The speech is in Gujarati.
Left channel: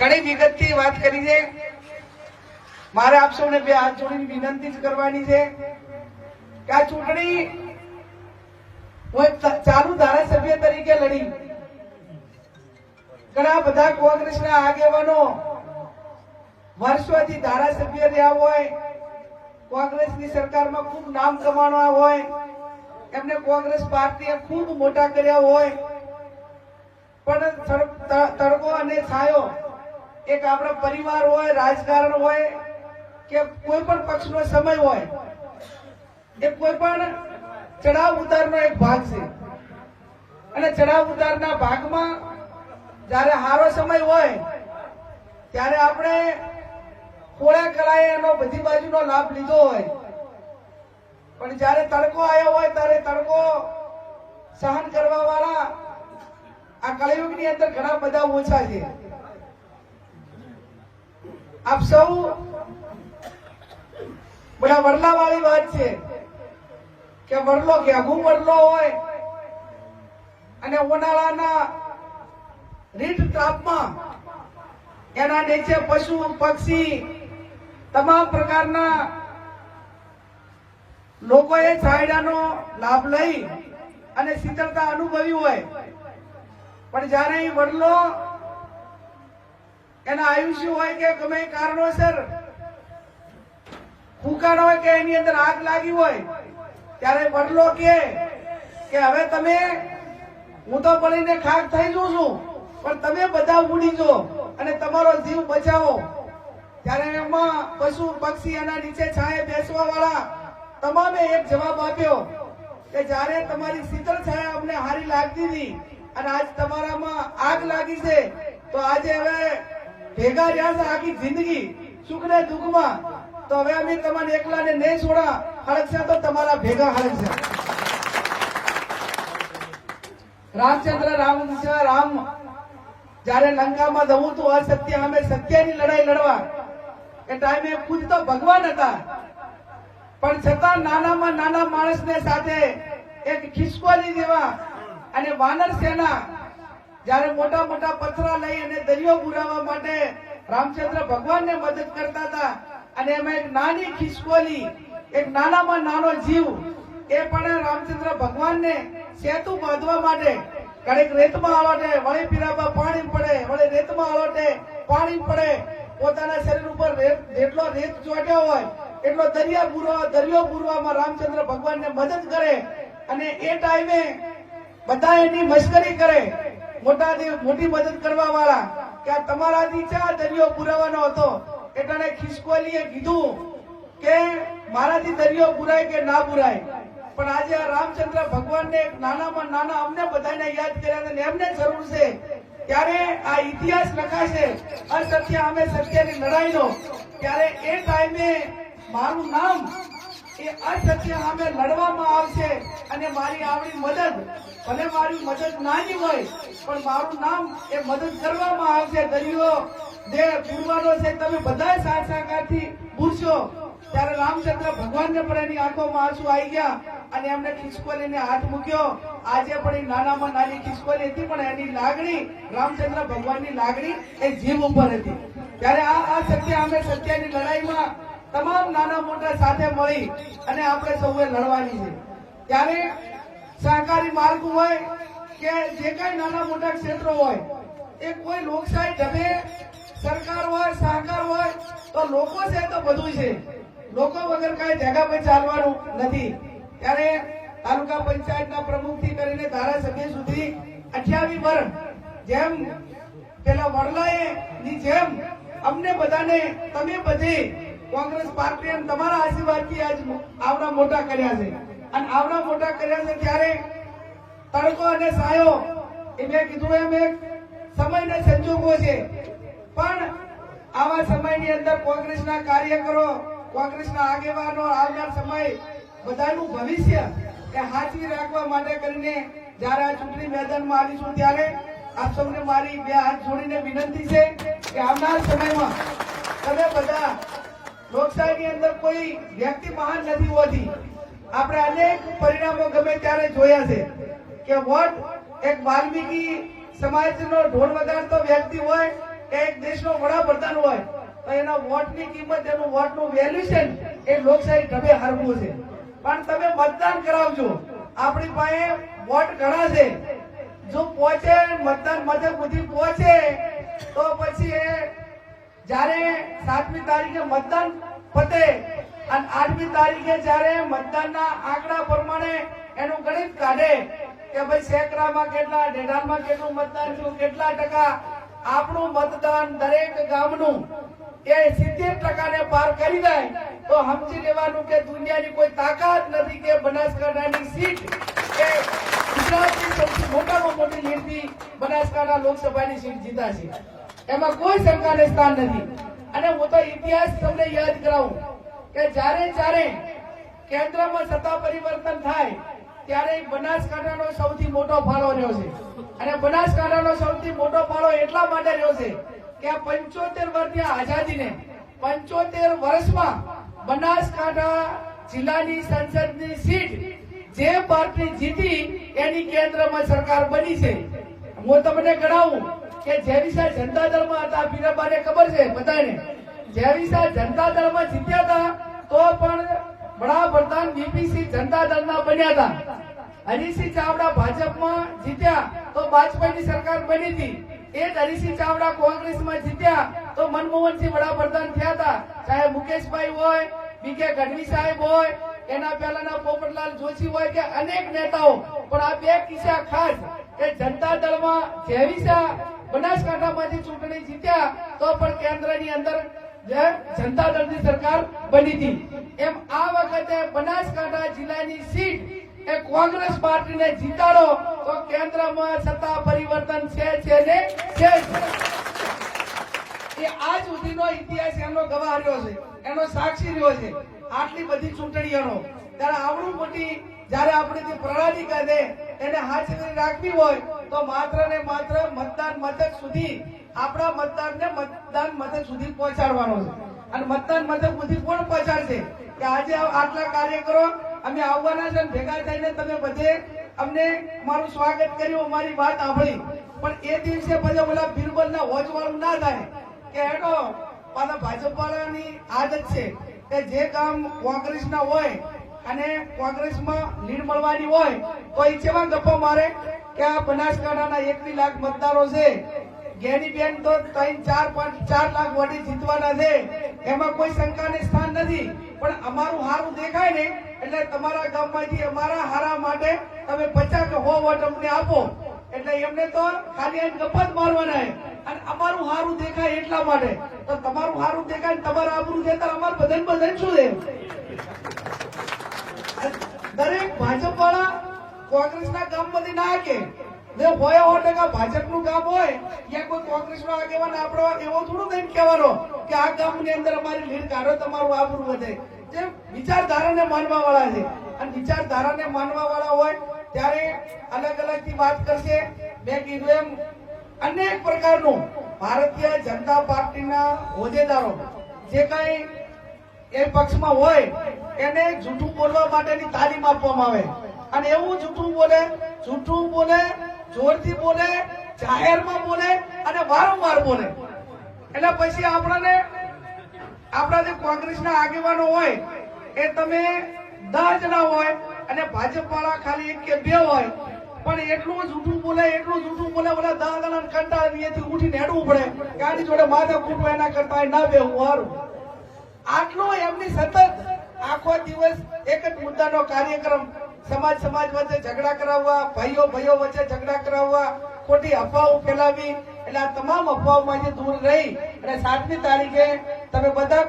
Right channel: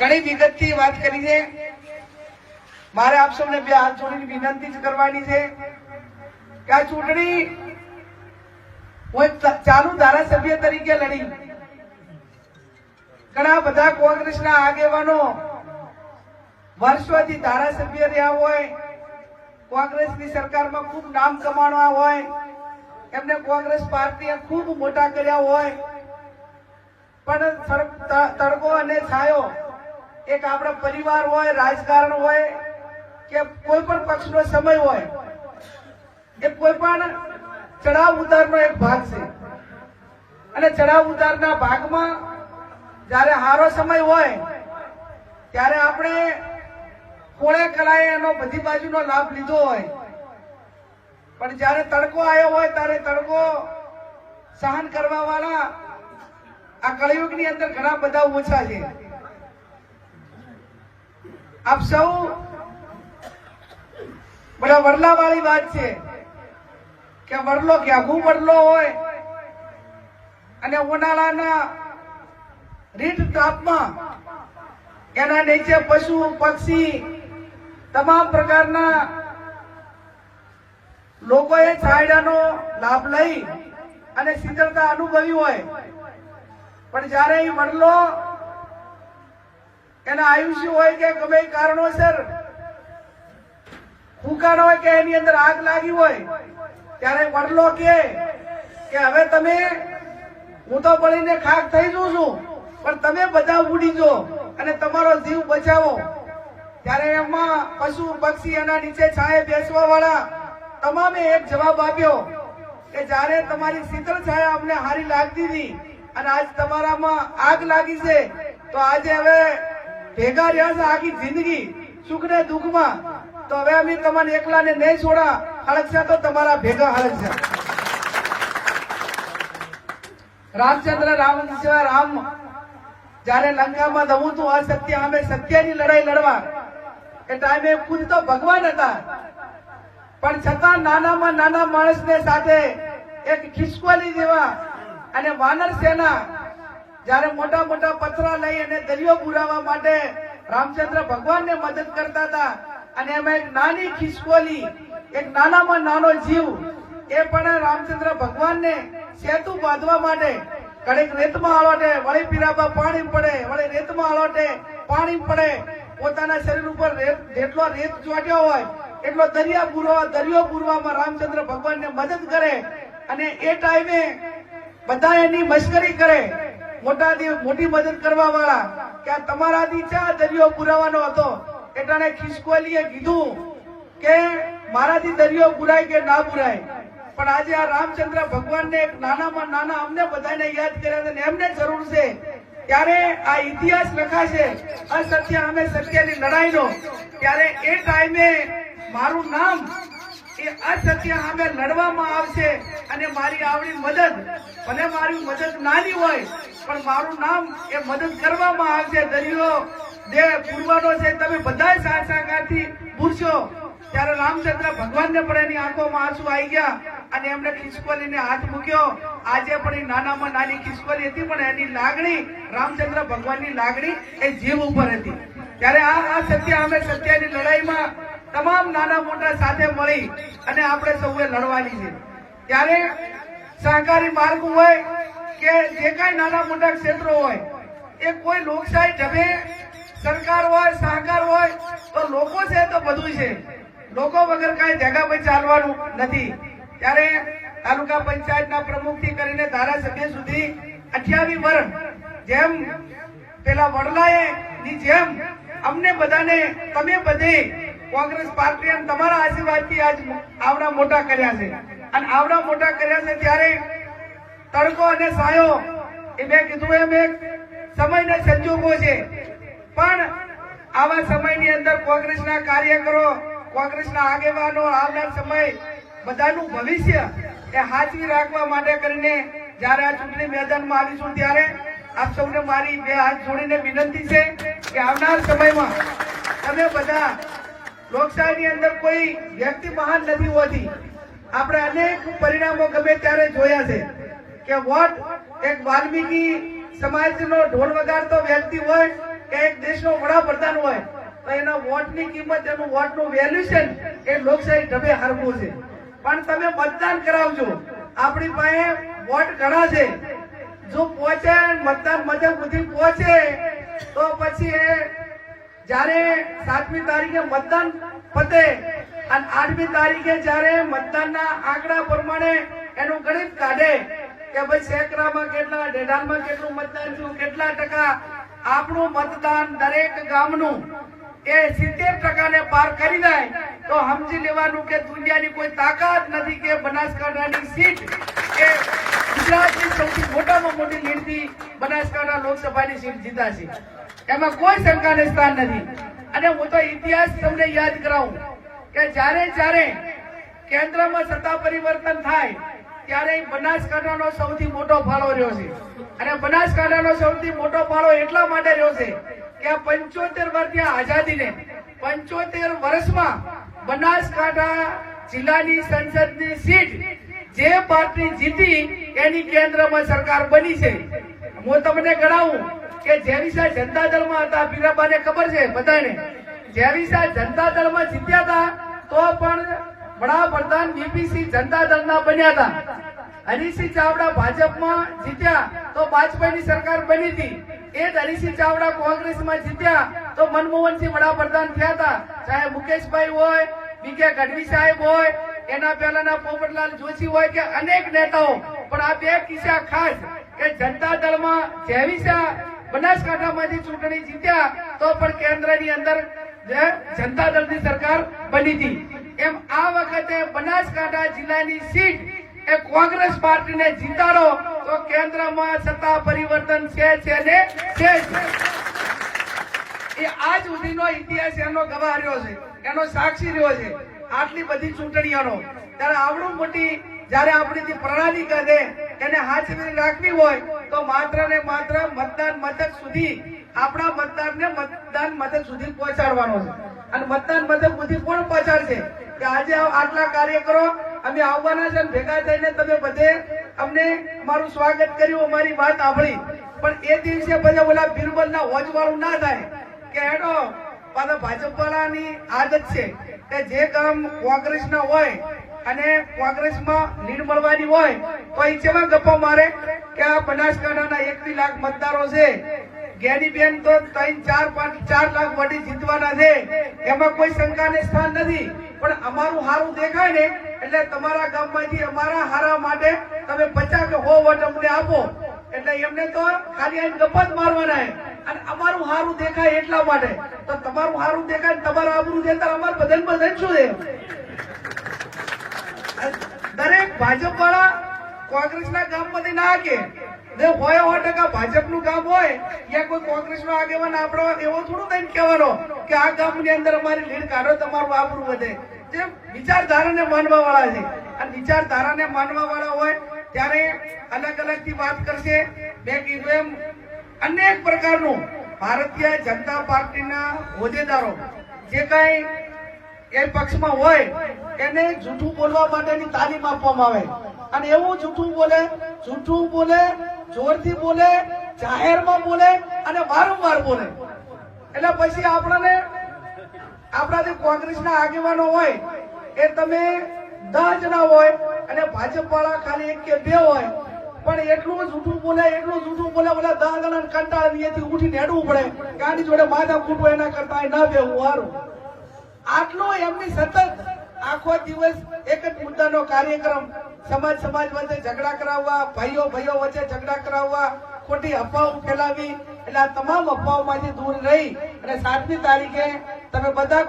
ઘણી વિગતથી વાત કરી છે. મારે આપ સૌને બે હાથ જોડીને વિનંતી જ કરવાની છે કે આ ચૂંટણી હું ચાલુ ધારાસભ્ય તરીકે લડી. ઘણા બધા કોંગ્રેસના આગેવાનો વર્ષોથી ધારાસભ્ય રહ્યા હોય, કોંગ્રેસની સરકારમાં ખૂબ નામ કમાણવા હોય, એમને કોંગ્રેસ પાર્ટીએ ખૂબ મોટા કર્યા હોય. પણ તડકો અને છાયો એક આપણા પરિવાર હોય, રાજકારણ હોય, કે કોઈ પણ પક્ષનો સમય હોય, એ કોઈ પણ ચડાવ ઉતારનો એક ભાગ છે. અને ચડાવ ઉતારના ભાગમાં જ્યારે હારો સમય હોય, ત્યારે આપણે કોળે કલાએ એનો બધી બાજુનો લાભ લીધો હોય. પણ જ્યારે તડકો આવ્યો હોય, ત્યારે તડકો સહન કરવા વાળા આ કળિયુગની અંદર ઘણા બધા ઓછા છે. આપ સૌ બધા વરલા વાળી વાત છે કે વરલો ઘેઘું વડલો હોય અને ઉનાળાના રીત તાપમાં એના નીચે પશુ પક્ષી તમામ પ્રકારના લોકોએ છાયડાનો લાભ લઈ અને શીતળતા અનુભવી હોય. પણ જ્યારે એ વડલો એના આયુષ્ય હોય કે ગમે કારણોસર ફૂંકાણ હોય કે એની અંદર આગ લાગી હોય, ત્યારે વડલો કે, હવે તમે, હું તો બળીને ખાક થઈ જઉં છું, પણ તમે બધા ઉડી જો અને તમારો જીવ બચાવો. ત્યારે એમાં પશુ, પક્ષી એના નીચે છાયે બેસવા વાળા તમામે એક જવાબ આપ્યો કે જ્યારે તમારી શીતળ છાયા અમને હારી લાગતી હતી અને આજ તમારામાં આગ લાગી છે, તો આજે હવે ભેગા રહ્યા છે આખી જિંદગી. સુખ ને દુઃખમાં. તો હવે અમે તમારે એકલાને નહીં છોડા. હળગશે તો તમારા ભેગા હળગશે રામચંદ્ર રામ સિવાય રામ જ્યારે લંકામાં દવું તું અસત્ય અમે સત્યની લડાઈ લડવા. એ ટાઈમે ખુદ તો ભગવાન હતા. પણ છતાં નાનામાં નાના માણસને સાથે એક ખિસકોલી જેવા અને વાનર સેના જ્યારે મોટા મોટા પથરા લઈ અને દરિયો પુરાવા માટે રામચંદ્ર ભગવાનને મદદ કરતા હતા. અને એમાં એક નાની ખિસકોલી, એક નાનામાં નાનો જીવ, એ પણ રામચંદ્ર ભગવાનને સેતુ બાંધવા માટે ઘડીક રેતમાં આલોટે વળી પીરામાં પાણી પડે, વળી રેતમાં આલોટે પાણી પડે. પોતાના શરીર ઉપર જેટલો રેત ચોટ્યો હોય, એટલો દરિયા પૂરવા, દરિયો પૂરવામાં રામચંદ્ર ભગવાનને મદદ કરે. અને એ ટાઈમે બધા એની મશ્કરી કરે. મોટાથી મોટી મદદ કરવા વાળા કે આ તમારાથી દરિયો પુરાવાનો હતો. એટલે ખિસકોલીએ કીધું કે મારાથી દરિયો પુરાય કે ના પુરાય. પણ આજે આ રામચંદ્ર ભગવાનને નાનામાં નાના અમને બધાને યાદ કર્યા અને એમને જરૂર છે. ત્યારે આ ઇતિહાસ લખાશે અસત્ય અમે સત્યની લડાઈનો ત્યારે એ ટાઈમે મારું નામ એ અસત્ય સામે લડવામાં આવશે અને મારી આવડી મદદ ભલે મારી મદદ નાની હોય, પણ મારું નામ એ મદદ કરવામાં આવશે, દરિયો જે પૂરવાનો છે, તમે બધા સહકારથી પૂરશો ત્યારે રામચંદ્ર ભગવાનને પણ એની આંખોમાં આંસુ આવી ગયા અને એમને ખિસકોલીને હાથ મૂક્યો. આજે પણ એ નાનામાં નાની ખિસકોલી હતી, પણ એની લાગણી, રામચંદ્ર ભગવાનની લાગણી એ જીવ ઉપર હતી. ત્યારે આ આ સત્ય અમે સત્યની લડાઈમાં તમામ નાના મોટા સાથે મળી અને આપણે સૌએ લડવાની છે. ત્યારે સહકારી માર્ગ હોય કે જે કાંઈ નાના મોટા ક્ષેત્રો હોય, એ કોઈ લોકશાહી ઢબે સરકાર હોય, સહકાર હોય, તો લોકો છે તો બધું છે. લોકો વગર કાંઈ પર ચાલવાનું નથી. ત્યારે તાલુકા પંચાયતના પ્રમુખથી કરીને ધારાસભ્ય સુધી અઠ્યાવી વર્ષ જેમ પેલા વડલાએ ની જેમ અમને બધાને, તમે બધી કોંગ્રેસ પાર્ટી તમારા આશીર્વાદથી આજ આવડા મોટા કર્યા છે. અને આવડા મોટા કર્યા છે ત્યારે તડકો અને સાયો એ મેં કીધું એમ એક સમયના સંજોગો છે. પણ આવા સમયની અંદર કોંગ્રેસના કાર્યકરો, કોંગ્રેસના આગેવાનો આવનાર સમય બધાનું ભવિષ્ય એ હાજરી રાખવા માટે કરીને જ્યારે આ ચૂંટણી મેદાનમાં આવીશું ત્યારે આપ સૌને મારી બે હાથ જોડીને વિનંતી છે કે આવનાર સમયમાં તમે બધા લોકશાહીની અંદર કોઈ વ્યક્તિ મહાન નથી હોતી. આપણે અનેક પરિણામો ગમે ત્યારે જોયા છે કે વોટ એક વાલ્મીકી સમાજનો ઢોલ વગાડતો વ્યક્તિ હોય કે એક દેશનો વડાપ્રધાન હોય, તો એના વોટની કિંમત, એનું વોટનું વેલ્યુશન એ લોકશાહી ઢબે હારવું છે. પણ તમે મતદાન કરાવજો. આપણી પાસે વોટ ઘણા છે. જો પહોંચે, મતદાન મથક સુધી પહોંચે, તો પછી એ જ્યારે સાતમી તારીખે મતદાન પતે અને આઠમી તારીખે જયારે મતદાનના આંકડા પ્રમાણે એનું ગણિત કાઢે કે ભાઈ સેકરામાં કેટલા ડેઢાનમાં કેટલું મતદાન થયું, કેટલા ટકા આપણું મતદાન દરેક ગામનું એ સિત્તેર ટકાને પાર કરી જાય, તો સમજી લેવાનું કે દુનિયાની કોઈ તાકાત નથી કે બનાસકાંઠાની સીટ કે ગુજરાતની સૌથી મોટામાં મોટી લીડથી બનાસકાંઠા લોકસભાની સીટ જીતાશે. એમાં કોઈ શંકાને સ્થાન નથી. અને હું તો ઇતિહાસ તમને યાદ કરાવું. કે જ્યારે જ્યારે કેન્દ્રમાં સત્તા પરિવર્તન થાય, ત્યારે બનાસકાંઠા બનાસકાંઠાનો સૌથી મોટો ફાળો રહ્યો છે. અને બનાસકાંઠાનો સૌથી મોટો ફાળો એટલા માટે રહ્યો છે કે પંચોતેર વર્ષની આઝાદીને પંચોતેર વર્ષમાં બનાસકાંઠા જિલ્લાની સંસદની સીટ જે પાર્ટી જીતી એની કેન્દ્રમાં સરકાર બની છે. હું તમને ગણાવું કે જેવીસા જનતા દળમાં હતા, પીરાબાને ખબર છે બધાને? જેવીસા જનતા દળમાં જીત્યા હતા, તો પણ વડાપ્રધાન બીપીસી જનતા દળના બન્યા હતા. હરીસિંહ ચાવડા ભાજપમાં જીત્યા, તો વાજપેયીની સરકાર બની હતી. એ જ હરીસિંહ ચાવડા કોંગ્રેસમાં જીત્યા, તો મનમોહનસિંહ વડાપ્રધાન થયા હતા. ચાહે મુકેશભાઈ હોય, બીકે ગઢવી સાહેબ હોય, એના પહેલાના પોપટલાલ જોશી હોય કે અનેક નેતાઓ. પણ આ બે કિસ્સા ખાસ કે જનતા દળમાં જેવીસા બનાસકાંઠામાંથી ચૂંટણી જીત્યા, તો પણ કેન્દ્રની અંદર જે જનતા દળની સરકાર બની હતી. એમ આ વખતે બનાસકાંઠા જિલ્લાની સીટ એ કોંગ્રેસ પાર્ટીને જીતાડો તો કેન્દ્રમાં સત્તા પરિવર્તન છે છે ને? છે એ આજ સુધીનો ઇતિહાસ એનો ગવાહ રહ્યો છે, એનો સાક્ષી રહ્યો છે. આટલી બધી ચૂંટણીઓનો. ત્યારે આવડું મોટી જ્યારે આપણીથી પ્રણાલી દે એને હાજરી રાખવી હોય તો માત્ર ને માત્ર મતદાન મથક સુધી, આપણા મતદારને મતદાન મથક સુધી પહોંચાડવાનો છે. અને મતદાન મથક સુધી કોણ પહોંચાડશે? કે આજે આટલા કાર્યકરો અમે આવવાના છે ભેગા થઈને તમે બધે અમને મારું સ્વાગત કર્યું, અમારી વાત સાંભળી. પણ એ દિવસે બધા ઓલા બિરબલના હોજવાળું ના થાય કે હેડો, પાછા ભાજપ વાળાની આદત છે કે જે કામ કોંગ્રેસના હોય અને કોંગ્રેસમાં લીડ મળવાની હોય તો એ કેવા ગપ્પા મારે કે આ બનાસકાંઠાના એકવી લાખ મતદારો છે. ગેરીબેન તો ત્રણ, ચાર, પાંચ, ચાર લાખ વોટે જીતવાના છે. એમાં કોઈ શંકાને સ્થાન નથી. પણ અમારું હારું દેખાય ને એટલે તમારા ગામમાંથી અમારા હારા માટે તમે પચાસ સો વોટ અમને આપો. એટલે એમને તો ખાલી એમ ગપ્પા જ મારવાના. અને અમારું હારું દેખાય એટલા માટે. તો તમારું હારું દેખાય તમારું આબરું દેતા અમારે બધા બધાને શું છે? દરેક ભાજપ વાળા કોંગ્રેસના ગામમાંથી ના કે જે હોય સો ટકા ભાજપનું કામ હોય યા કોઈ કોંગ્રેસનો આગેવાન આપણો એવો થોડું થઈને કહેવાનો કે આ ગામની અંદર અમારી લીડ કાઢો, તમારું આબરું વધે. જે વિચારધારાને માનવા વાળા છે. અને વિચારધારાને માનવા વાળા હોય ત્યારે અલગ અલગથી વાત કરશે. મેં કીધું એમ અનેક પ્રકારનું ભારતીય જનતા પાર્ટીના હોદ્દેદારો. જે કાંઈ એ પક્ષમાં હોય એને જૂઠું બોલવા માટેની તાલીમ આપવામાં આવે. અને એવું જૂઠું બોલે જૂઠું બોલે, જોરથી બોલે, જાહેરમાં બોલે અને વારંવાર બોલે. એટલે પછી આપણને, આપણા જે કોંગ્રેસના આગેવાનો હોય, એ તમે દસ જણા હોય અને ભાજપ વાળા ખાલી એક કે બે હોય, પણ એટલું જૂઠું બોલે, એટલું જૂઠું બોલે બોલે દસ જણા કંટાળી એથી ઉઠીને હેડવું પડે આની જોડે માથા કૂટવું એના કરતા ના બેવું વારું આટલો એમની સતત આખો દિવસ એક જ મુદ્દાનો કાર્યક્રમ સમાજ સમાજ વચ્ચે ઝઘડા કરાવવા, ભાઈઓ ભાઈઓ વચ્ચે ઝઘડા કરાવવા, ખોટી અફવાઓ ફેલાવી, એટલે આ તમામ અફવાઓમાંથી દૂર રહી અને સાતમી તારીખે તમે બધા